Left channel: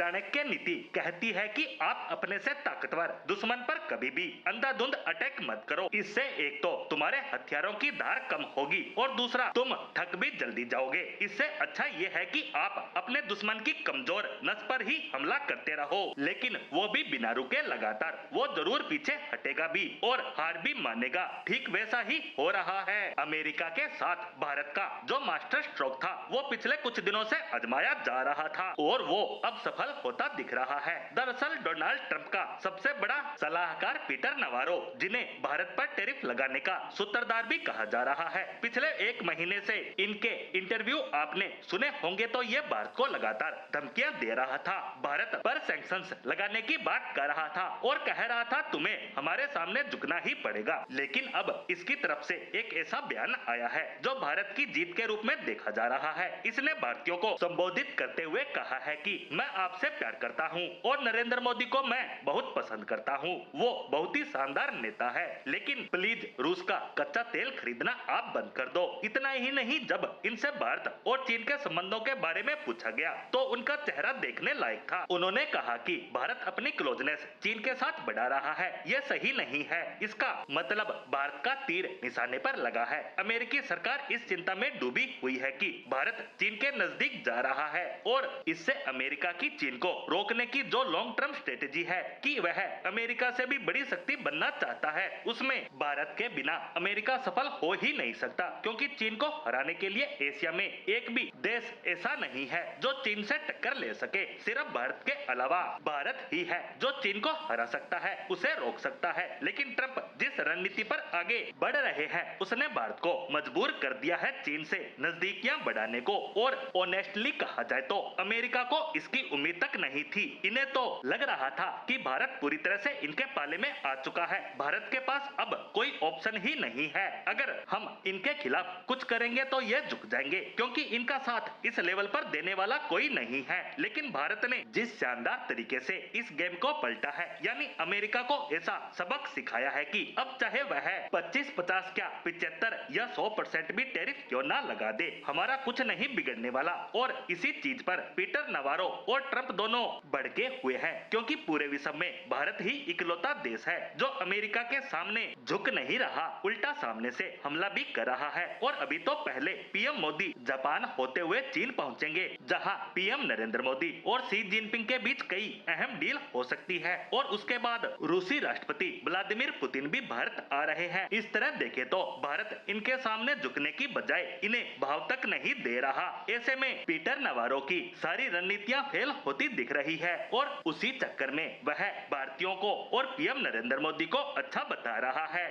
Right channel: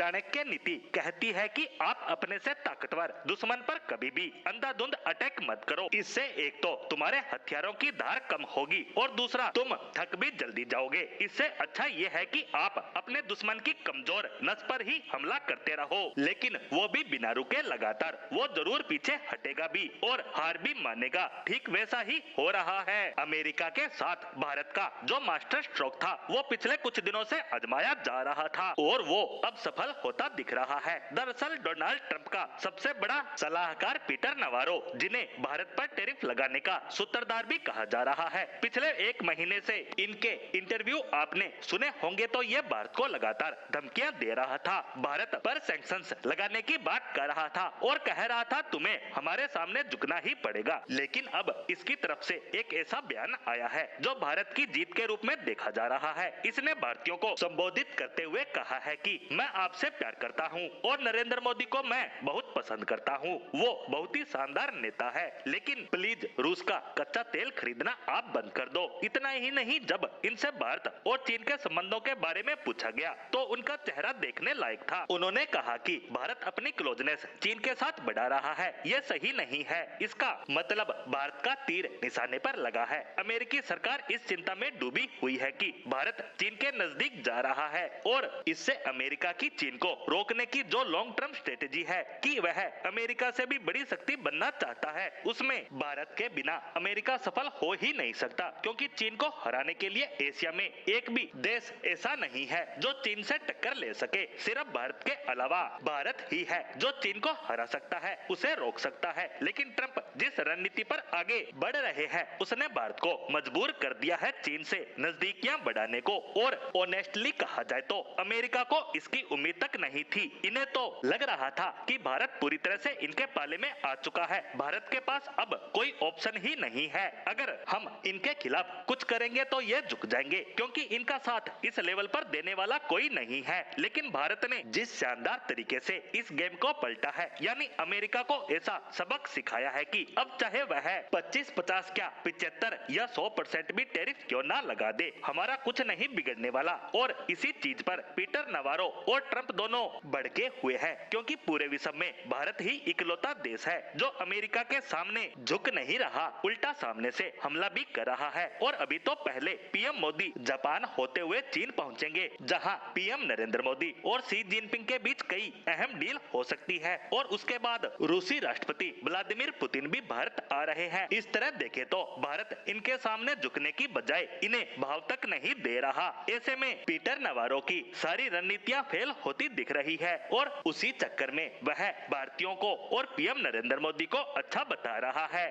चाणक्य नीति कहती है कि आप अपने से ताकतवर दुश्मन पर कभी भी अंधाधुंध अटैक मत करो। इससे एक तो तुम्हारे हथियारों की धार कम होगी और दूसरा तुम थक भी जल्दी जाओगे। इससे अच्छा ये है कि आप अपने दुश्मन की कमजोर नस पर ही हमला करते रहो, लेकिन वो भी बिना रुके लगातार। वो जरूर पीछे हटेगा भी और हार भी मानेगा। ठीक वैसा ही हो रहा है अमेरिका के साथ। भारत का जो मास्टर स्ट्रोक था वो पिछले कुछ दिनों से आजमाया जा रहा था और वो अब सफल होता दिख रहा है। दरअसल डोनाल्ड ट्रंप का सबसे बड़ा सलाहकार पीटर नवारो, जिन्हें भारत पर टैरिफ लगाने का सूत्रधार भी कहा जा रहा है, पिछले एक महीने से इनके इंटरव्यू आपने सुने होंगे तो ये भारत को लगातार धमकियां दे रहा था, भारत पर सैंक्शंस लगाने की बात कर रहा था और कह रहा था तुम्हें हमारे सामने झुकना ही पड़ेगा। लेकिन अब इसकी तरफ से एक ऐसा बयान आया है जो भारत की जीत के रूप में देखा जा रहा है। इसने भारतीयों को संबोधित करते हुए कहा है कि मैं आपसे प्यार करता हूं और नरेंद्र मोदी को मैं बहुत पसंद करता हूं। वो बहुत ही शानदार नेता है, लेकिन प्लीज रूस का कच्चा तेल खरीदना आप बंद कर दो। इतना ही नहीं, जब इनसे भारत और चीन के संबंधों के बारे में पूछा गया तो उनका चेहरा देखने लायक था। उन्होंने कहा कि भारत अपनी क्लोजनेस चीन के साथ बढ़ा रहा है, यह सही नहीं है। इसका मतलब भारत का तीर निशाने पर लगा है। अमेरिकी सरकार इस चिंता में डूबी हुई है कि भारत चीन के नजदीक जा रहा है और इससे अमेरिका की चीन को रोकने की जो लॉन्ग टर्म स्ट्रेटेजी है कि वह अमेरिका से भी बड़ी शक्ति बनना चाहता है, उसमें भारत के बिना अमेरिका सफल हो ही नहीं सकता, क्योंकि चीन को हराने के लिए एशिया में एक भी देश ऐसा नहीं है जो चीन से टक्कर ले सके। सिर्फ भारत के अलावा भारत ही है जो चीन को हरा सकता है, उसे रोक सकता है। लेकिन ट्रंप जिस रणनीति पर आगे बढ़ रहे हैं उसने भारत को मजबूर कर दिया है चीन से नजदीकियां बढ़ाने को, और ऑनेस्टली कहा जाए तो अमेरिका को इसकी उम्मीद तक नहीं थी। इन्हें तो लग रहा था कि भारत पूरी तरह से इनके पाले में आ चुका है। भारत के पास अब कोई ऑप्शन ही नहीं है। अगर हम इनके खिलाफ कुछ करेंगे तो ये झुक जाएंगे, क्योंकि इनका साथ इस लेवल पर देने वाला कोई नहीं है। लेकिन भारत ने जिस शानदार तरीके से इस गेम को पलटा है, यानी अमेरिका को ऐसा सबक सिखाया है कि अब चाहे वह 25, 50 क्या 75 या 100% भी टैरिफ क्यों ना लगा दे, हमारा कुछ नहीं बिगड़ने वाला। और इसी चीज पर पीटर नवारो और ट्रंप दोनों भड़के हुए हैं, क्योंकि पूरे विश्व में भारत ही इकलौता देश है जो अमेरिका के सामने झुक नहीं रहा, उल्टा सामने से हमला भी कर रहा है। और अभी तो पहले पीएम मोदी जापान होते हुए चीन पहुंचेंगे, जहां पीएम नरेंद्र मोदी और शी जिनपिंग के बीच कई अहम डील हो सकती है, और उसके बाद रूसी राष्ट्रपति व्लादिमीर पुतिन भी भारत आ रहे हैं। इस तरह देखे तो भारत इनके सामने झुकने की बजाय इन्हें भाव तक नहीं दे रहा। ऐसे में पीटर नवारो की सारी रणनीतियां फेल होती दिख रही है और उसी चक्कर में वह भारतीयों को और पीएम नरेंद्र मोदी को अच्छा बता रहा है।